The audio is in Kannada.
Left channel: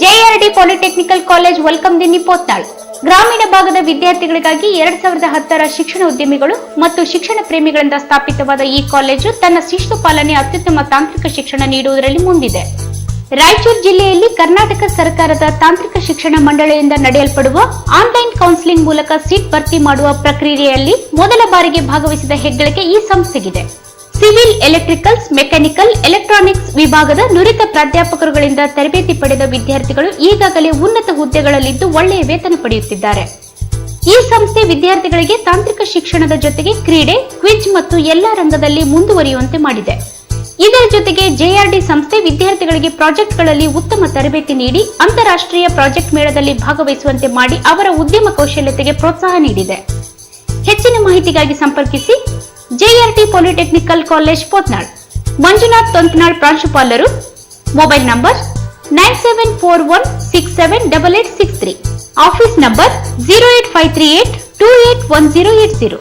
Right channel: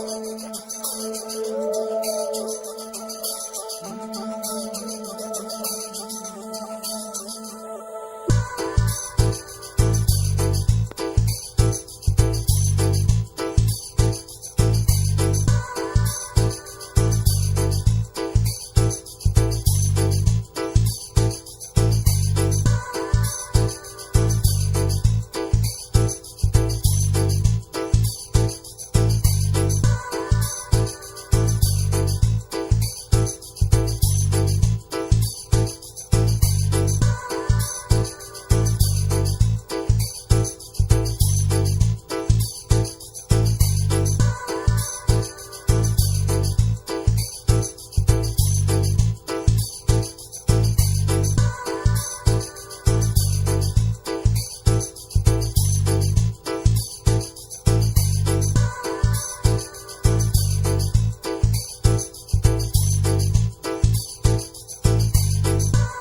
ಜೆಆರ್ಡಿ ಪಾಲಿಟೆಕ್ನಿಕಲ್ ಕಾಲೇಜ್ ವೆಲ್ಕಮ್ ದಿ ನಿಪೋತ್ನಾಳ್ ಗ್ರಾಮೀಣ ಭಾಗದ ವಿದ್ಯಾರ್ಥಿಗಳಿಗಾಗಿ 2010ರ ಶಿಕ್ಷಣ ಉದ್ಯಮಿಗಳು ಮತ್ತು ಶಿಕ್ಷಣ ಪ್ರೇಮಿಗಳಿಂದ ಸ್ಥಾಪಿತವಾದ ಈ ಕಾಲೇಜು ತನ್ನ ಶಿಸ್ತು ಪಾಲನೆ ಅತ್ಯುತ್ತಮ ತಾಂತ್ರಿಕ ಶಿಕ್ಷಣ ನೀಡುವುದರಲ್ಲಿ ಮುಂದಿದೆ. ರಾಯಚೂರು ಜಿಲ್ಲೆಯಲ್ಲಿ ಕರ್ನಾಟಕ ಸರ್ಕಾರದ ತಾಂತ್ರಿಕ ಶಿಕ್ಷಣ ಮಂಡಳಿಯಿಂದ ನಡೆಯಲ್ಪಡುವ ಆನ್ಲೈನ್ ಕೌನ್ಸಿಲಿಂಗ್ ಮೂಲಕ ಸೀಟ್ ಭರ್ತಿ ಮಾಡುವ ಪ್ರಕ್ರಿಯೆಯಲ್ಲಿ ಮೊದಲ ಬಾರಿಗೆ ಭಾಗವಹಿಸಿದ ಹೆಗ್ಗಳಿಕೆ ಈ ಸಂಸ್ಥೆಗಿದೆ. ಸಿವಿಲ್, ಎಲೆಕ್ಟ್ರಿಕಲ್ಸ್, ಮೆಕ್ಯಾನಿಕಲ್, ಎಲೆಕ್ಟ್ರಾನಿಕ್ಸ್ ವಿಭಾಗದ ನುರಿತ ಪ್ರಾಧ್ಯಾಪಕರುಗಳಿಂದ ತರಬೇತಿ ಪಡೆದ ವಿದ್ಯಾರ್ಥಿಗಳು ಈಗಾಗಲೇ ಉನ್ನತ ಹುದ್ದೆಗಳಲ್ಲಿದ್ದು ಒಳ್ಳೆಯ ವೇತನ ಪಡೆಯುತ್ತಿದ್ದಾರೆ. ಈ ಸಂಸ್ಥೆ ವಿದ್ಯಾರ್ಥಿಗಳಿಗೆ ತಾಂತ್ರಿಕ ಶಿಕ್ಷಣದ ಜೊತೆಗೆ ಕ್ರೀಡೆ, ಕ್ವಿಜ್ ಮತ್ತು ಎಲ್ಲಾ ರಂಗದಲ್ಲಿ ಮುಂದುವರಿಯುವಂತೆ ಮಾಡಿದೆ. ಇದರ ಜೊತೆಗೆ ಜೆಆರ್ಡಿ ಸಂಸ್ಥೆ ವಿದ್ಯಾರ್ಥಿಗಳಿಗೆ ಪ್ರಾಜೆಕ್ಟ್ಗಳಲ್ಲಿ ಉತ್ತಮ ತರಬೇತಿ ನೀಡಿ ಅಂತಾರಾಷ್ಟ್ರೀಯ ಪ್ರಾಜೆಕ್ಟ್ ಮೇಳದಲ್ಲಿ ಭಾಗವಹಿಸುವಂತೆ ಮಾಡಿ ಅವರ ಉದ್ಯಮ ಕೌಶಲ್ಯತೆಗೆ ಪ್ರೋತ್ಸಾಹ ನೀಡಿದೆ. ಹೆಚ್ಚಿನ ಮಾಹಿತಿಗಾಗಿ ಸಂಪರ್ಕಿಸಿ ಜೆಆರ್ಡಿ ಪಾಲಿಟೆಕ್ನಿಕಲ್ ಕಾಲೇಜ್ ಪೋತ್ನಾಳ್. ಮಂಜುನಾಥ್ ತೊಂತ್ನಾಳ್ ಪ್ರಾಂಶುಪಾಲರು. Mobile number 9741678863. Office number 08538281080.